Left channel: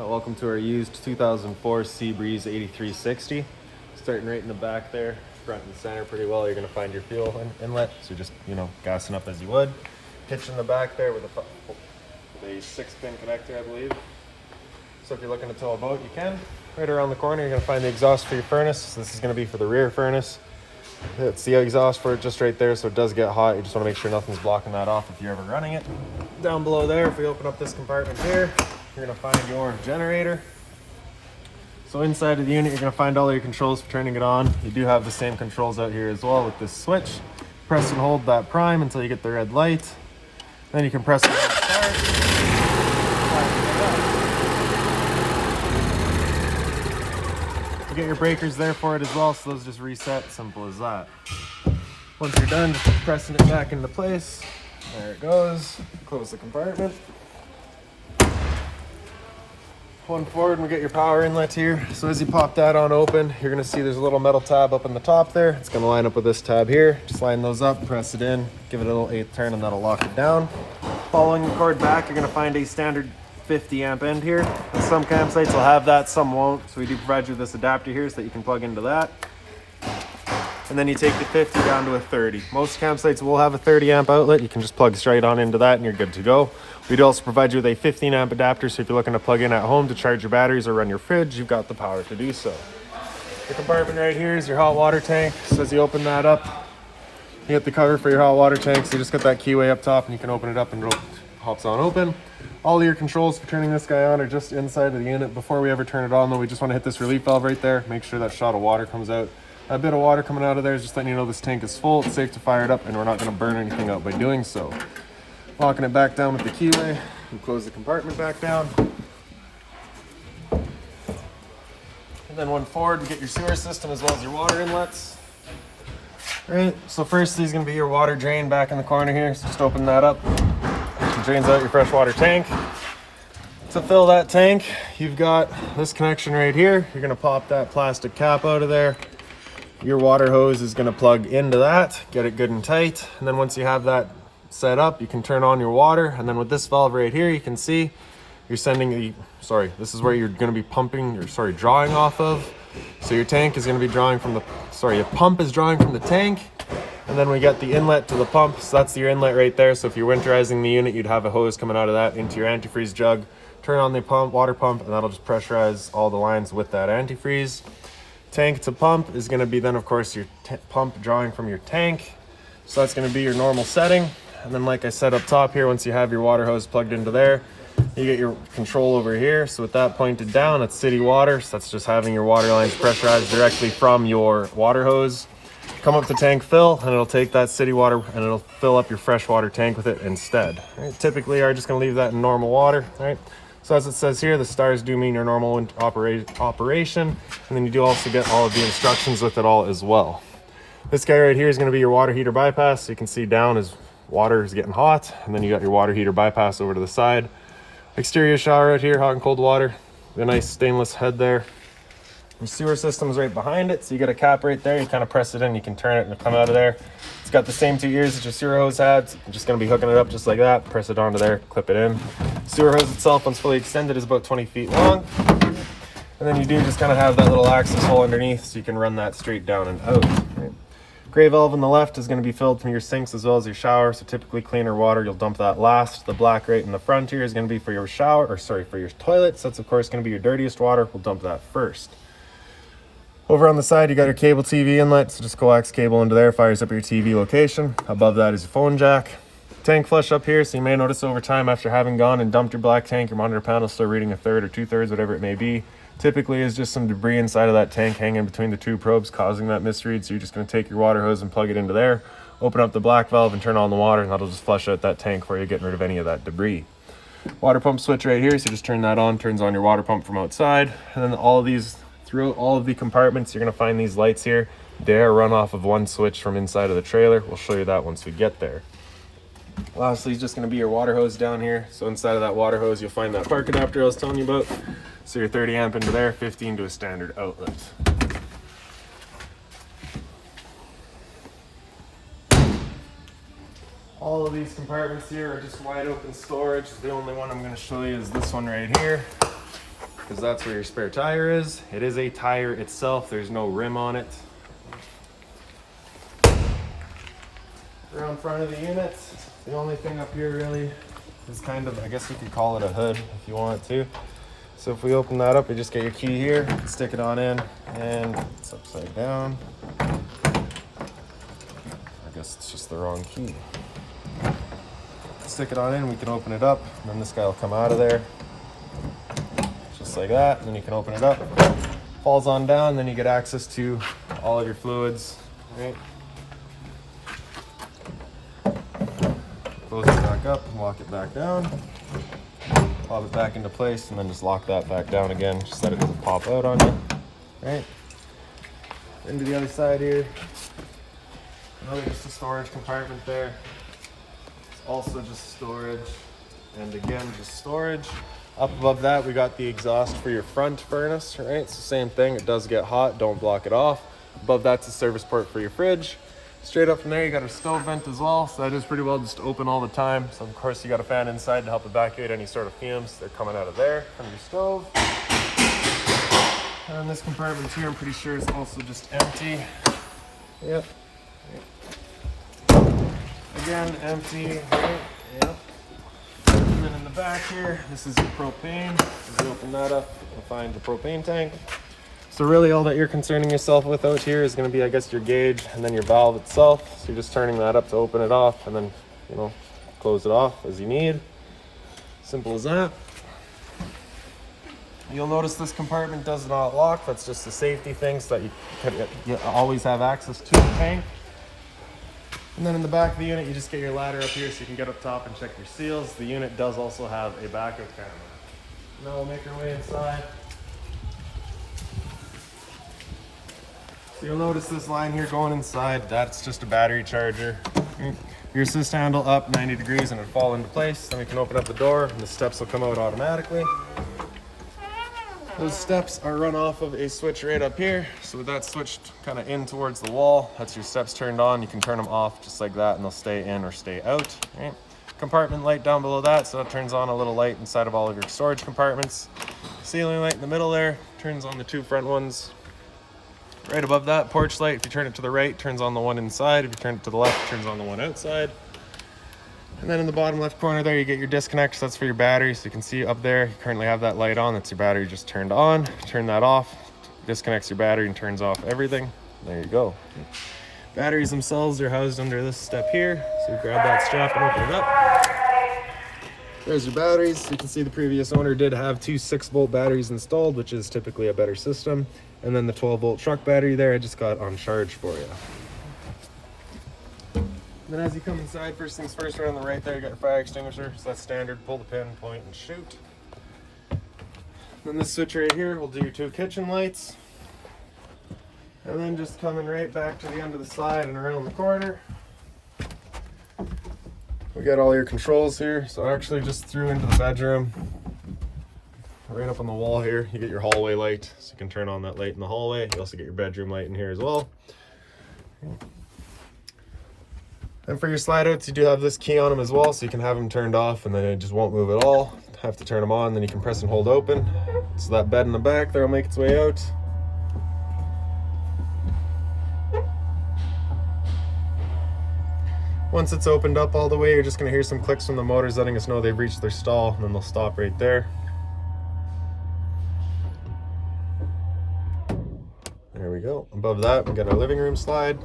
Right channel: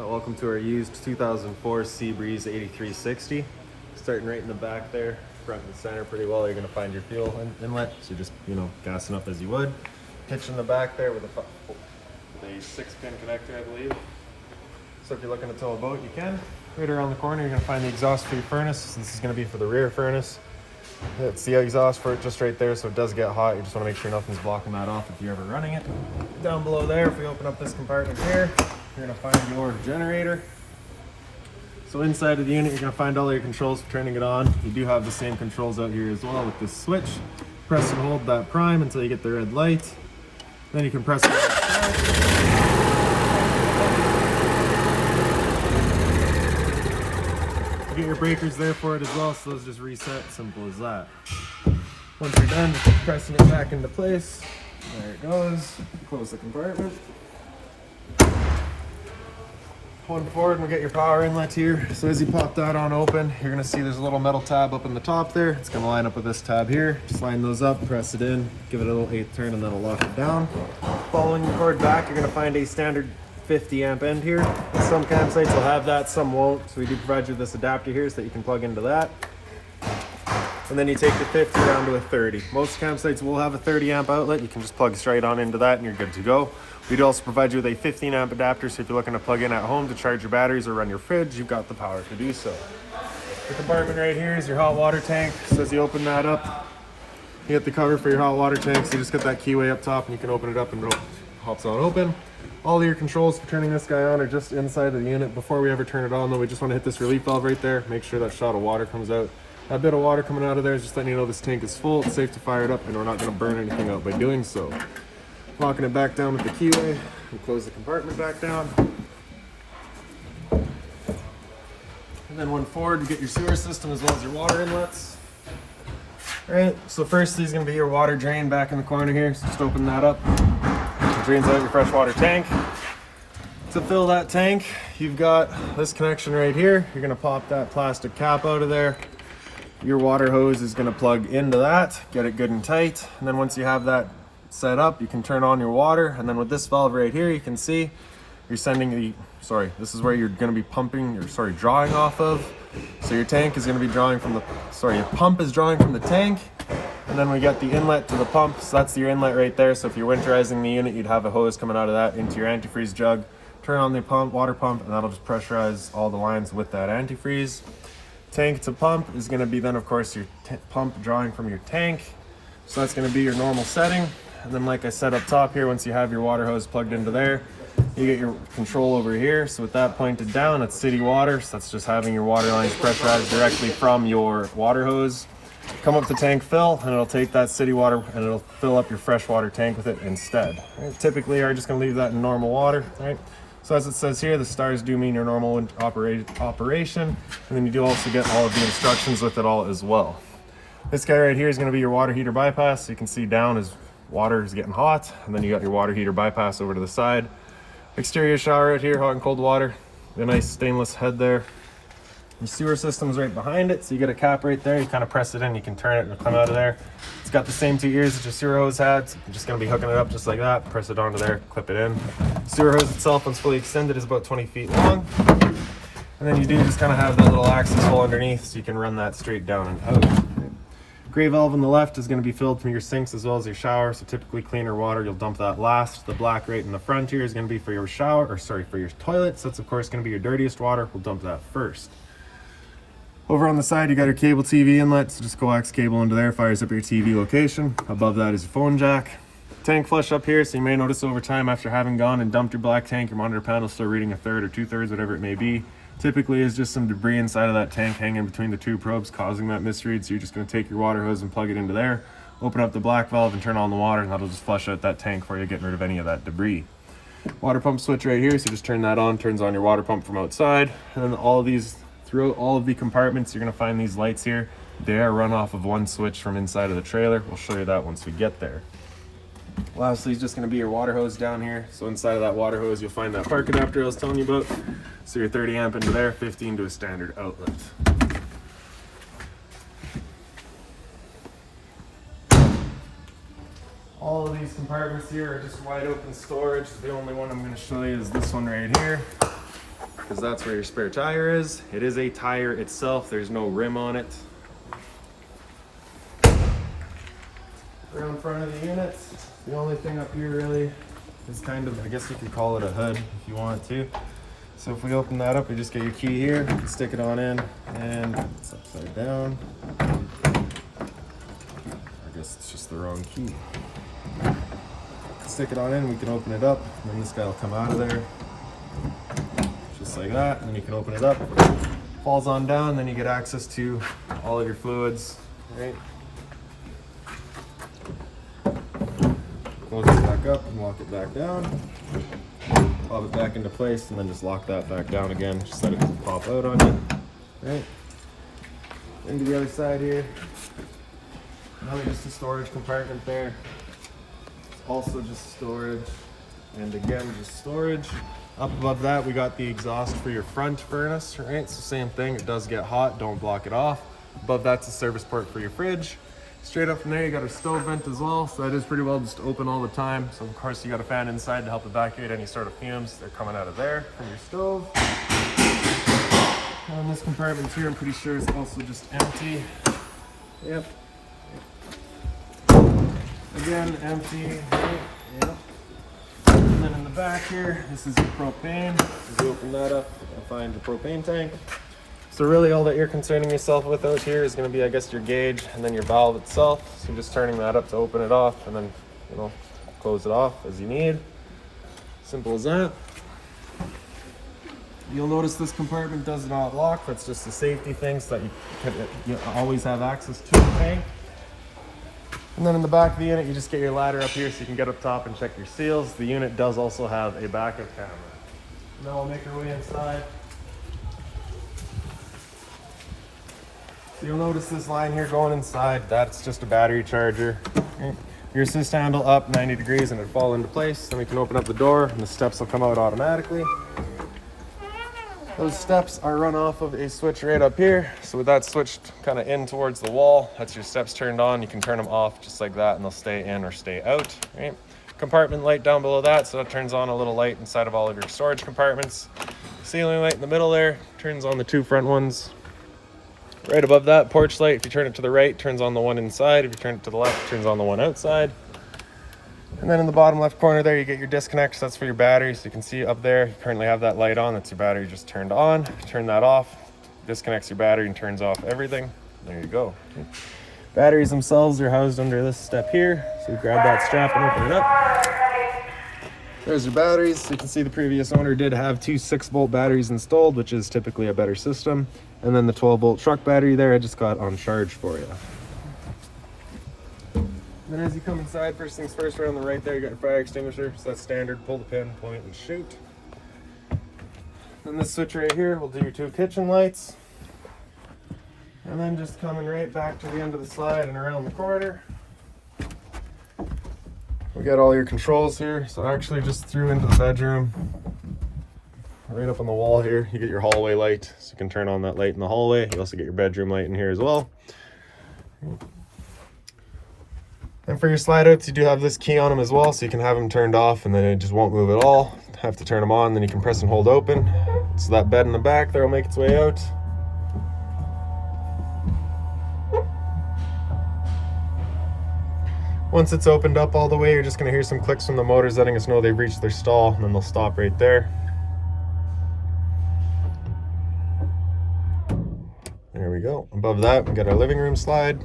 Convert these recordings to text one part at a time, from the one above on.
Welcome to our used 2004 Seabreeze 8360. Starting right in the back there, front and center pretty well. You're going to find your fuel inlet, so just, gassing up as you would. Hitch in the back there with a 6-pin connector, I believe. So if you're looking to tow a boat, you can. Right around the corner, you're going to find the exhaust for your furnace. This is going to be for the rear furnace. It's the exhaust for it just right there, so it does get hot. You just want to make sure nothing's blocking that off if you're ever running it. Down below there, if we open up this compartment here, you're going to find your generator. So inside of the unit, you're going to find all your controls for turning it on. You do have the same controls out here as well with this switch. Press and hold that prime until you get the red light. Then you can press it. You get your breakers there for it as well, so those just reset, simple as that. Once you're done, just pressing it back into place. There it goes. Close the compartment. One forward and we'll get your power inlet here. So as you pop that on open, you're gonna see there's a little metal tab up in the top there. It's gonna line up with this tab here. Just line those up, press it in, give it a little 8th turn and that'll lock it down. Following the cord back, you're gonna find a standard 50 amp end here. Some campsites will have that, some won't. So we do provide you with this adapter here so that you can plug into that. And then you take the 50 down to a 30. Most campsites will have a 30 amp outlet. You can just plug straight on into that and you're good to go. We do also provide you with a 15 amp adapter, so if you're looking to plug in at home to charge your batteries or run your fridge, you've got the power to do so. Your compartment right here is your hot water tank. So as you open that up, you get the cover for your hot water tank. So just get that keyway up top and you can open it up and it hops on open. All of your controls for turning this guy on are just inside of the unit. Before we ever turn it on though, we just want to hit this relief valve right there. Make sure that shot of water comes out. A bit of water coming out of there is just letting you know this tank is full. It's safe to fire it up and we're not going to burn anything out by doing so. Locking it back down with the keyway and close the compartment back down. And then one forward and get your sewer system as well as your water inlets. All right, so first is going to be your water drain back in the corner here. So just open that up. It drains out your freshwater tank. To fill that tank, you've got this connection right here. You're going to pop that plastic cap out of there. Your water hose is going to plug into that, get it good and tight. And then once you have that set up, you can turn on your water. And then with this valve right here, you can see you're sending this is where you're going to be drawing off of. So your tank is going to be drawing from your pump is drawing from the tank. And then we got the inlet to the pump. So that's your inlet right there. So if you're winterizing the unit, you'd have a hose coming out of that into your antifreeze jug. Turn on the water pump, and that'll just pressurize all the lines with that antifreeze. Tank to pump is going to be then, of course, your pump drawing from your tank. So that's going to be your normal setting. And then like I said up top here, once you have your water hose plugged into there, you get your control over here. So with that pointed down, that's city water. So that's just having your water lines pressurized directly from your water hose. Come up to tank fill, and it'll take that city water and it'll fill up your freshwater tank with it instead. Right? Typically, you're just going to leave that in normal water, right? So as it says here, the stars do mean your normal operation, and then you do also get all of the instructions with it all as well. This guy right here is going to be your water heater bypass. So you can see down as water is getting hot, and then you got your water heater bypass over to the side. Exterior shower out here, hot and cold water. The nice stainless head there. Your sewer system's right behind it, so you get a cap right there. You kind of press it in, you can turn it and it'll come out of there. It's got the same 2 ears that your sewer hose had. So you're just going to be hooking it up just like that. Press it onto there, clip it in. Sewer hose itself, once fully extended, is about 20 feet long. And then you do just kind of have that little access hole underneath, so you can run that straight down and out. Gray valve on the left is going to be filled from your sinks as well as your shower. So typically cleaner water, you'll dump that last. The black right in the front here is going to be for your for your toilet. So that's of course going to be your dirtiest water. We'll dump that first. Over on the side, you got your cable TV inlet, so just coax cable into there, fires up your TV location. Above that is your phone jack. Tank flush up here, so you may notice over time after having gone and dumped your black tank, your monitor panel is still reading 1/3 or 2/3, whatever it may be. Typically is just some debris inside of that tank hanging between the two probes causing that misread, so you're just going to take your water hose and plug it into there, open up the black valve and turn on the water, and that'll just flush out that tank for you, getting rid of any of that debris. Water pump switch right here, so just turn that on, turns on your water pump from outside, and then all of these throughout all of the compartments, you're going to find these lights here. They're run off of one switch from inside of the trailer. We'll show you that once we get there. Lastly, it's just going to be your water hose down here. So inside of that water hose, you'll find that park adapter I was telling you about. So your 30 amp into there, 15 to a standard outlet. All of these compartments here are just wide open storage. The only one I'm going to show you is this one right here. because that's where your spare tire is. It is a tire itself, there's no rim on it. Around front of the unit, the only thing up here really is kind of, I guess you could call it a hood if you want to. So if we open that up, you just get your key here, stick it on in, and it's upside down. I guess it's just the wrong key. Stick it on in, we can open it up, and then this guy will come out of there. Just like that, and then you can open it up. Falls on down, then you get access to all of your fluids. Right? Close it back up and lock it back down. Pop it back into place and then just lock that back down again, just so that it doesn't pop out on you. Right. Into the other side here. Another just a storage compartment there. It's also just storage. And again, just storage. Up above that, we got the exhaust for your front furnace, right? It's the same thing, it does get hot, don't block it off. Above that's a service port for your fridge. Straight up from there, you got a stove vent as well, so that is pretty well just open all the time. So of course you got a fan inside to help evacuate any sort of fumes that are coming out of there from your stove. And this compartment here, I'm pretty sure is also just empty. Yep. Again, empty. Yep. And then in the back here, this is your propane. As you open that up, you'll find the propane tank. So really all that you're concerning yourself with out here is going to be, I guess, your gauge and then your valve itself. So you're just turning that up to open it off and then, you know, close it off as you need. Simple as that. You'll notice this compartment does not lock. That's just a safety thing so that you always have access to the tank. And then in the back of the unit, you just get your ladder up here so you can get up top and check your seals. The unit does also have a backup camera. Now we'll make our way inside. So you'll notice this line here going inside, that's just a battery charger. Your assist handle up 90 degrees and it'll fall into place. Then we can open up the door and the steps will come out automatically. Those steps are run off of a switch right up here. So with that switched kind of in towards the wall, that's your steps turned on. You can turn them off just like that and they'll stay in or stay out. Right? Compartment light down below that, so that turns on a little light inside of all of your storage compartments. Ceiling light in the middle there, turns on the two front ones. Right above that, porch light, if you turn it to the right, turns on the one inside. If you turn it to the left, it turns on the one outside. And then in the bottom left corner there, you get your disconnect. So that's for your battery. So you can see up there, you currently have that light on. That's your battery just turned on. Turn that off, disconnects your battery and turns off everything. There you go. Batteries themselves are housed under this step here. So you grab that strap and open it up. There's your batteries. So you can see the previous owner did have two 6-volt batteries installed, which is typically a better system. And then the 12-volt truck battery there, I just got on charge for you. Then as you come inside, first things first, right on the right there, you got your fire extinguisher. So that's standard, pull the pin, point, and shoot. Then this switch right here will do your two kitchen lights. And then just coming right back to the end of the slide and around the corner, we got all your controls here. So actually just through into the bedroom. Right up on the wall here, you get your hallway light, so you can turn on that light in the hallway. You also get your bedroom light in here as well. And for your slide outs, you do have this key on them as well, so you can have them turned off and then it just won't move at all. Have to turn them on, then you can press and hold open. So that bed in the back there will make its way out. Once it's opened up all the way, you're just going to hear some clicks from the motors letting us know they've reached their stall, and then they'll stop right there. There we go. Above that, we got our living room slide.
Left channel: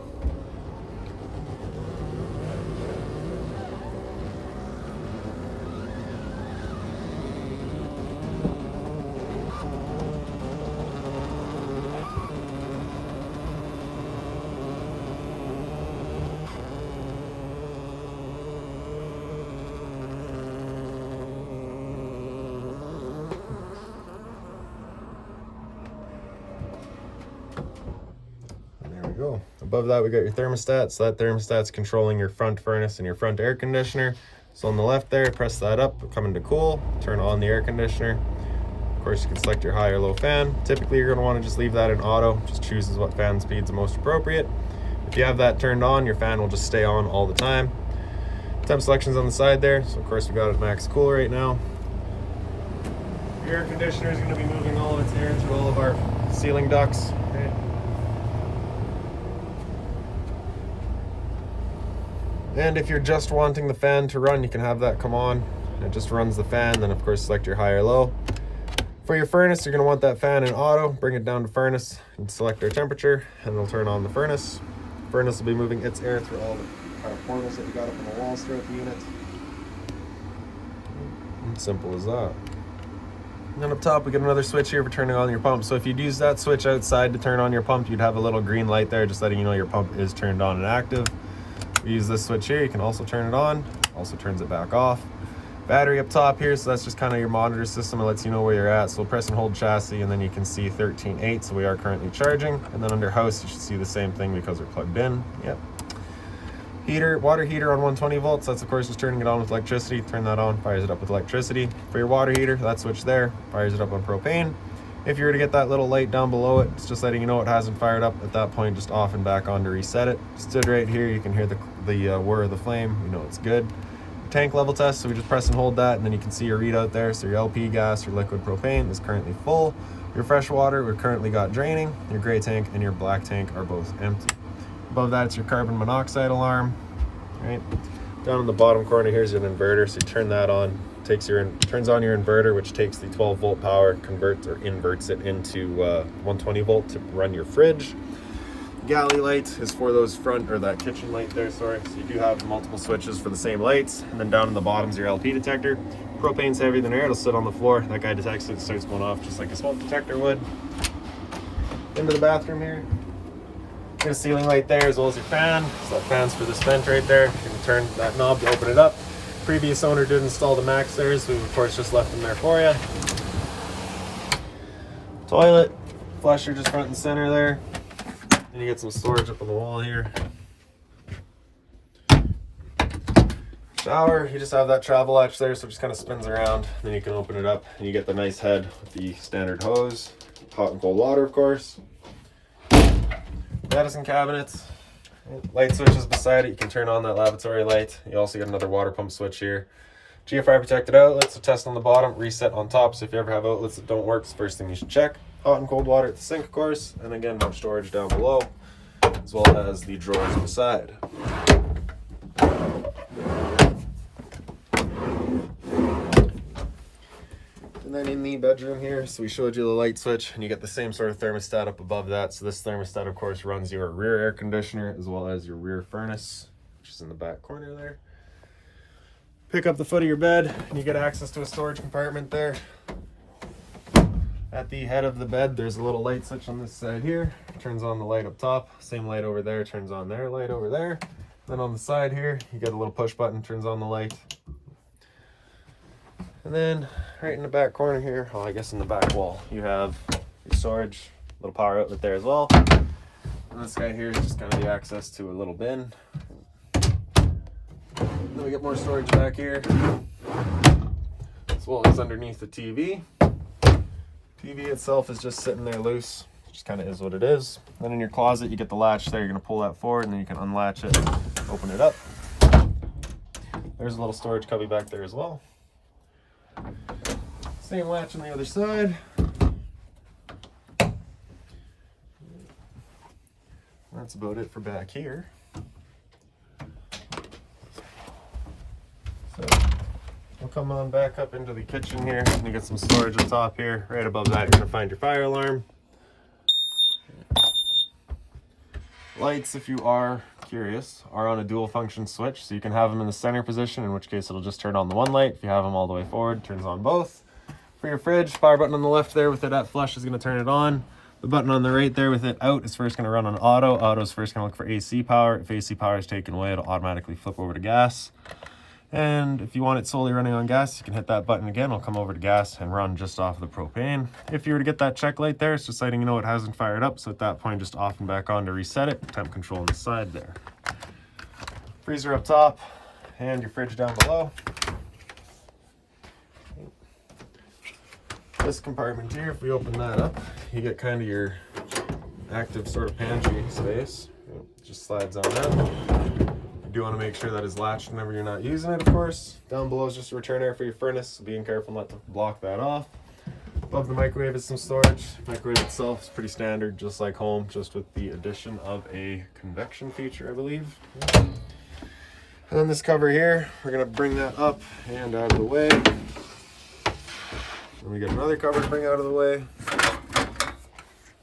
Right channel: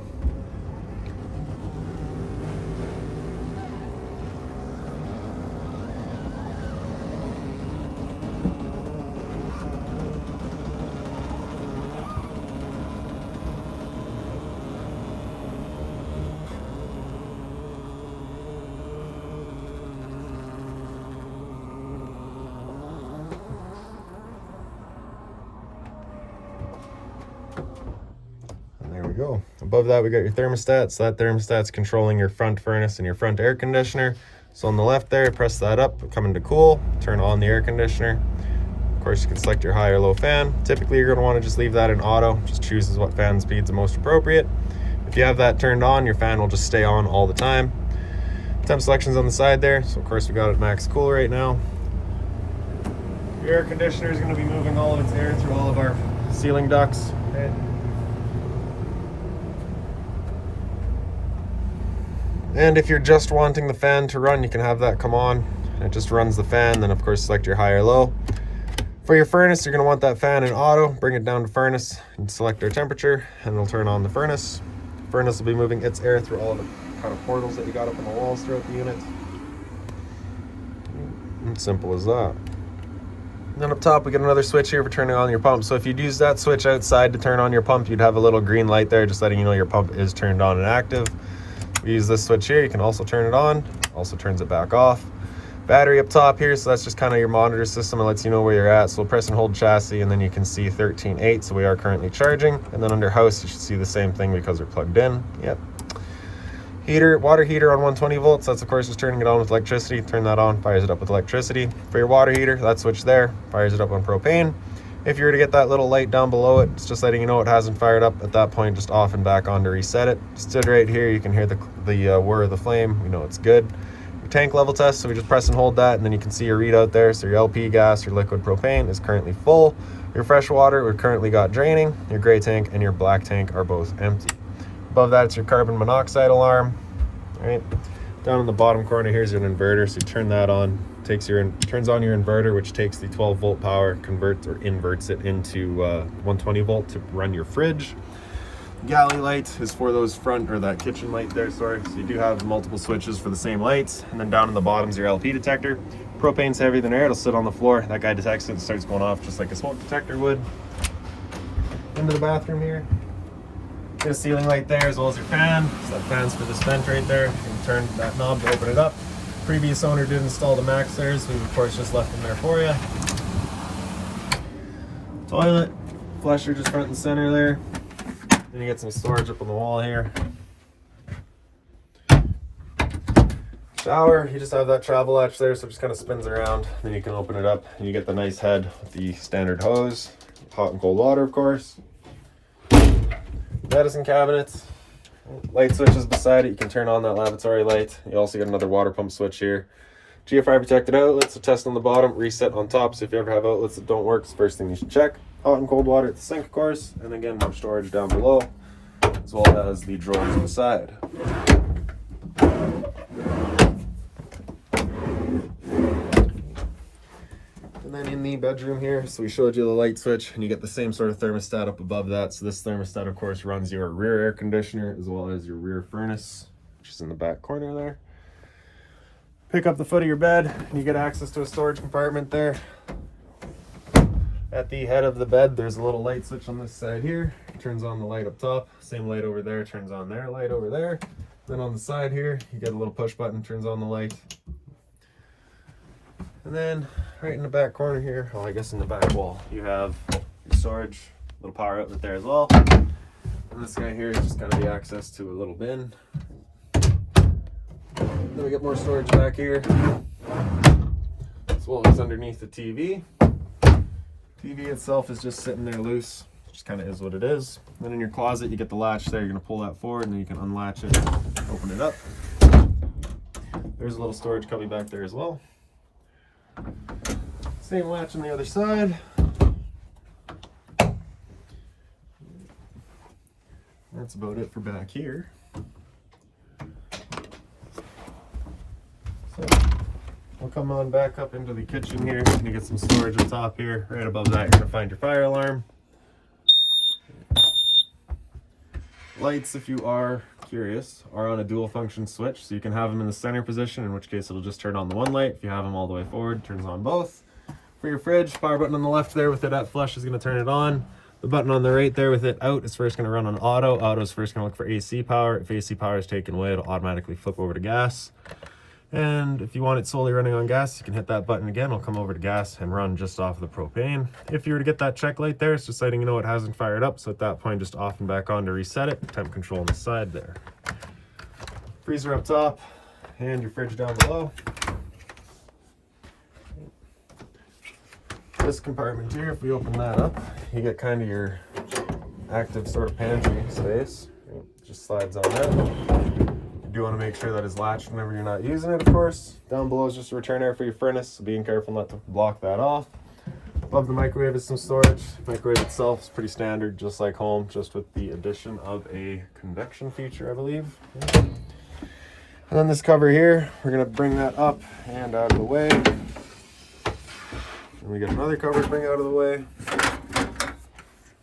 Go. Above that, we got your thermostat. So that thermostat's controlling your front furnace and your front air conditioner. So on the left there, press that up, come into cool, turn on the air conditioner. Of course, you can select your high or low fan. Typically, you're going to want to just leave that in auto. Just chooses what fan speed's the most appropriate. If you have that turned on, your fan will just stay on all the time. Temp selection's on the side there. So of course, we got it max cool right now. Your air conditioner is going to be moving all of its air through all of our ceiling ducts. Okay. And if you're just wanting the fan to run, you can have that come on. It just runs the fan, then of course select your high or low. For your furnace, you're going to want that fan in auto. Bring it down to furnace and select your temperature, and it'll turn on the furnace. Furnace will be moving its air through all the portals that we got up in the walls throughout the unit. Simple as that. Then up top we get another switch here for turning on your pump. So if you'd use that switch outside to turn on your pump, you'd have a little green light there just letting you know your pump is turned on and active. If you use this switch here, you can also turn it on, also turns it back off. Battery up top here, so that's just kind of your monitor system. It lets you know where you're at. So we'll press and hold chassis, and then you can see 13.8, so we are currently charging. And then under house, you should see the same thing because we're plugged in. Yep. Heater, water heater on 120 volts. That's of course just turning it on with electricity. Turn that on, fires it up with electricity. For your water heater, that switch there fires it up on propane. If you were to get that little light down below it, it's just letting you know it hasn't fired up. At that point, just off and back on to reset it. Just right here, you can hear the whir of the flame. You know it's good. Your tank level test, so we just press and hold that, and then you can see your readout there. So your LP gas, your liquid propane is currently full. Your fresh water, we've currently got draining. Your gray tank and your black tank are both empty. Above that, it's your carbon monoxide alarm. Right down in the bottom corner, here's an inverter. So you turn that on, turns on your inverter, which takes the 12 volt power, converts or inverts it into 120 volt to run your fridge. Galley light is for those front, or that kitchen light there, sorry. So you do have multiple switches for the same lights. And then down in the bottom is your LP detector. Propane's heavier than air, it'll sit on the floor. That guy detects it and starts going off just like a smoke detector would. Into the bathroom here. Get a ceiling light there as well as your fan. So that fan's for this vent right there. You can turn that knob to open it up. Previous owner did install the max there, so we of course just left them there for you. Toilet, flusher just front and center there. Then you get some storage up on the wall here. Shower, you just have that travel latch there, so it just kind of spins around. Then you can open it up and you get the nice head with the standard hose. Hot and cold water, of course. Medicine cabinets, light switches beside it. You can turn on that lavatory light. You also get another water pump switch here. GFI protected outlets, a test on the bottom, reset on top. So if you ever have outlets that don't work, it's the first thing you should check. Hot and cold water at the sink, of course. And again, more storage down below, as well as the drawers beside. And then in the bedroom here, so we showed you the light switch, and you get the same sort of thermostat up above that. So this thermostat, of course, runs your rear air conditioner as well as your rear furnace, which is in the back corner there. Pick up the foot of your bed, and you get access to a storage compartment there. At the head of the bed, there's a little light switch on this side here. Turns on the light up top. Same light over there, turns on there, light over there. Then on the side here, you get a little push button, turns on the light. And then right in the back corner here, well, I guess in the back wall, you have your storage, little power outlet there as well. And this guy here is just going to be access to a little bin. Then we get more storage back here, as well as underneath the TV. TV itself is just sitting there loose, just kind of is what it is. Then in your closet, you get the latch there. You're going to pull that forward, and then you can unlatch it, open it up. There's a little storage cubby back there as well. Same latch on the other side. That's about it for back here. So we'll come on back up into the kitchen here, and you get some storage on top here. Right above that, you're going to find your fire alarm. Lights, if you are curious, are on a dual function switch, so you can have them in the center position, in which case it'll just turn on the one light. If you have them all the way forward, it turns on both. For your fridge, power button on the left there with it at flush is going to turn it on. The button on the right there with it out is first going to run on auto. Auto is first going to look for AC power. If AC power is taken away, it'll automatically flip over to gas. And if you want it solely running on gas, you can hit that button again. It'll come over to gas and run just off of the propane. If you were to get that check light there, it's just letting you know it hasn't fired up. So at that point, just off and back on to reset it. Temp control on the side there. Freezer up top and your fridge down below. This compartment here, if we open that up, you get kind of your active sort of pantry space. It just slides on out. You do want to make sure that is latched whenever you're not using it, of course. Down below is just a return air for your furnace, so being careful not to block that off. Above the microwave is some storage. Microwave itself is pretty standard, just like home, just with the addition of a convection feature, I believe. And then this cover here, we're gonna bring that up and out of the way. And we get another cover to bring out of the way.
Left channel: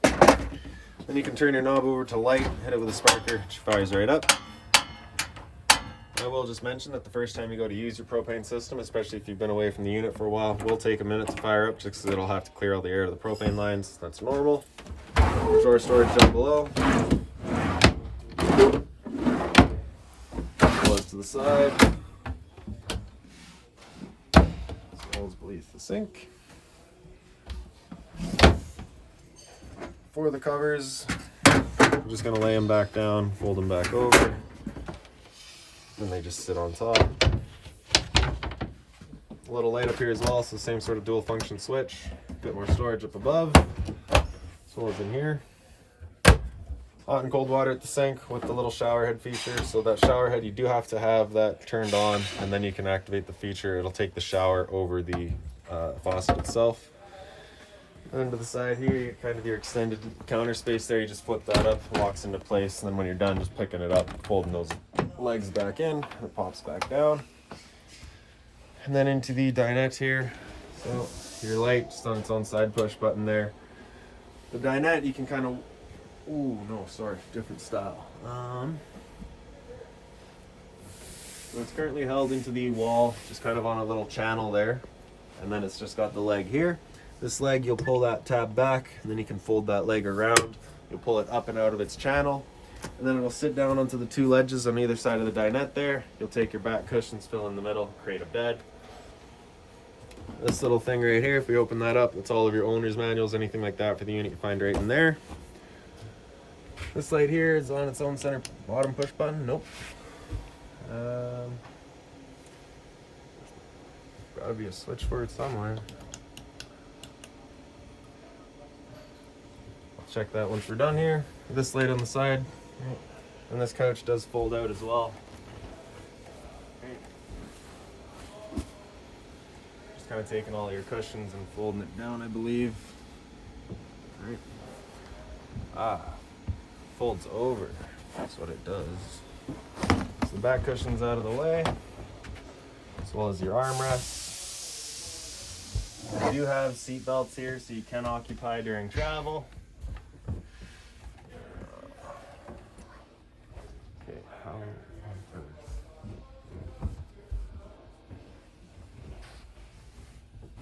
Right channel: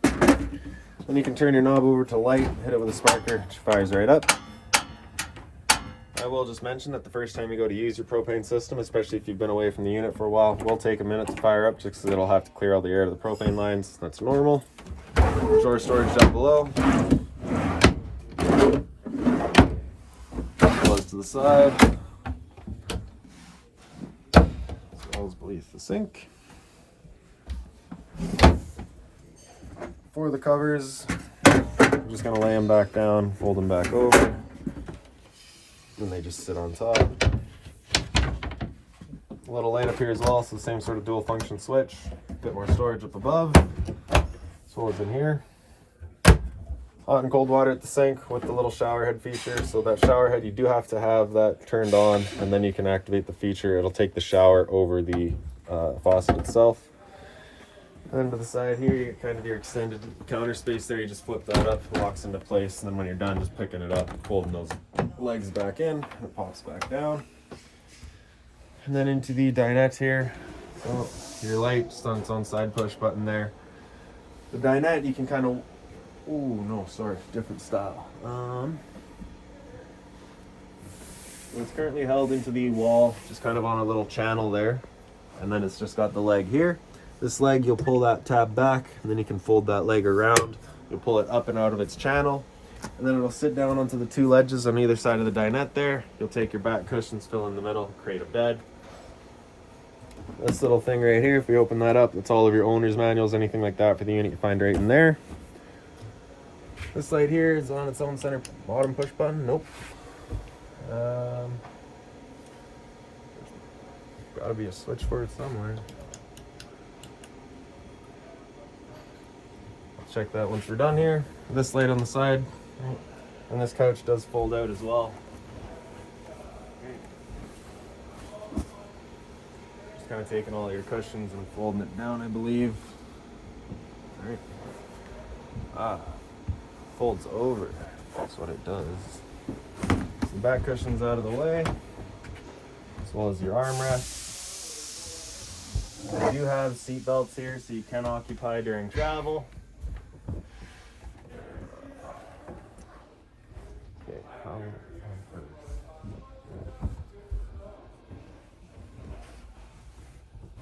Then you can turn your knob over to light, hit it with a sparker, it fires right up. I will just mention that the first time you go to use your propane system, especially if you've been away from the unit for a while, it will take a minute to fire up just because it'll have to clear all the air to the propane lines. That's normal. Drawer storage down below. Close to the side. As well as beneath the sink. For the covers, I'm just going to lay them back down, fold them back over. Then they just sit on top. A little light up here as well, so same sort of dual function switch. A bit more storage up above, as well as in here. Hot and cold water at the sink with the little shower head feature. So that shower head, you do have to have that turned on, and then you can activate the feature. It'll take the shower over the faucet itself. And to the side here, you get kind of your extended counter space there. You just flip that up, it locks into place, and then when you're done, just picking it up, folding those legs back in, it pops back down. And then into the dinette here. So your light just on its own side push button there. The dinette, you can kind of, different style. So it's currently held into the wall, just kind of on a little channel there. And then it's just got the leg here. This leg, you'll pull that tab back, and then you can fold that leg around. You'll pull it up and out of its channel, and then it'll sit down onto the two ledges on either side of the dinette there. You'll take your back cushions, fill in the middle, create a bed. This little thing right here, if we open that up, that's all of your owner's manuals, anything like that for the unit you find right in there. This light here is on its own center bottom push button. Nope. Gotta be a switch for it somewhere. Check that once we're done here. This light on the side, and this couch does fold out as well. Just kind of taking all your cushions and folding it down, I believe. All right. Folds over. That's what it does. So the back cushion's out of the way, as well as your armrests. You do have seat belts here, so you can occupy during travel. How on earth?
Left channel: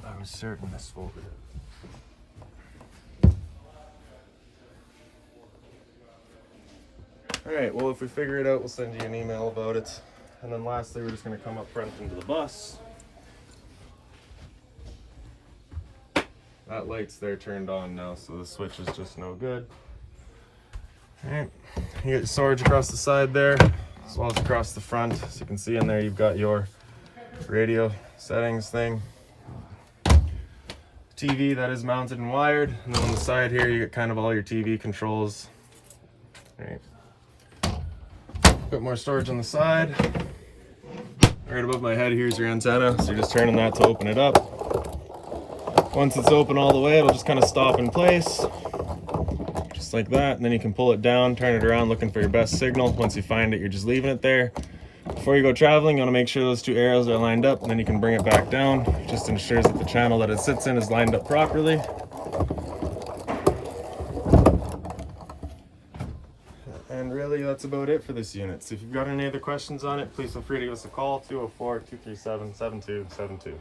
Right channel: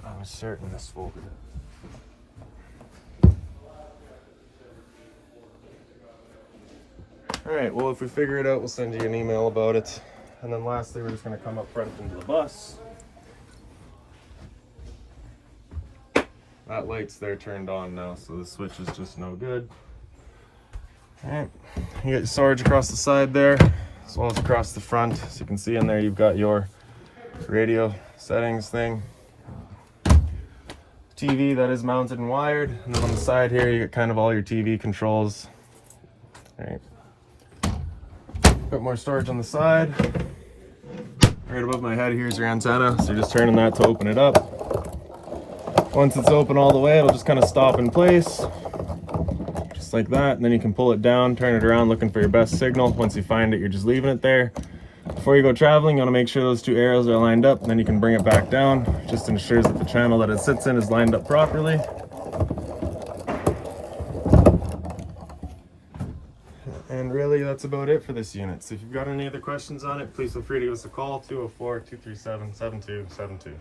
I'm certain this folded it. Alright, well, if we figure it out, we'll send you an email about it. And then lastly, we're just going to come up front into the bus. That light's there turned on now, so the switch is just no good. Alright, you get your storage across the side there, as well as across the front. As you can see in there, you've got your radio settings thing. TV that is mounted and wired, and then on the side here, you get kind of all your TV controls. Alright. Bit more storage on the side. Right above my head here is your antenna, so you're just turning that to open it up. Once it's open all the way, it'll just kind of stop in place. Like that, and then you can pull it down, turn it around, looking for your best signal. Once you find it, you're just leaving it there. Before you go traveling, you want to make sure those two arrows are lined up, and then you can bring it back down. Just ensures that the channel that it sits in is lined up properly. And really, that's about it for this unit. So if you've got any other questions on it, please feel free to give us a call, 204-237-7272.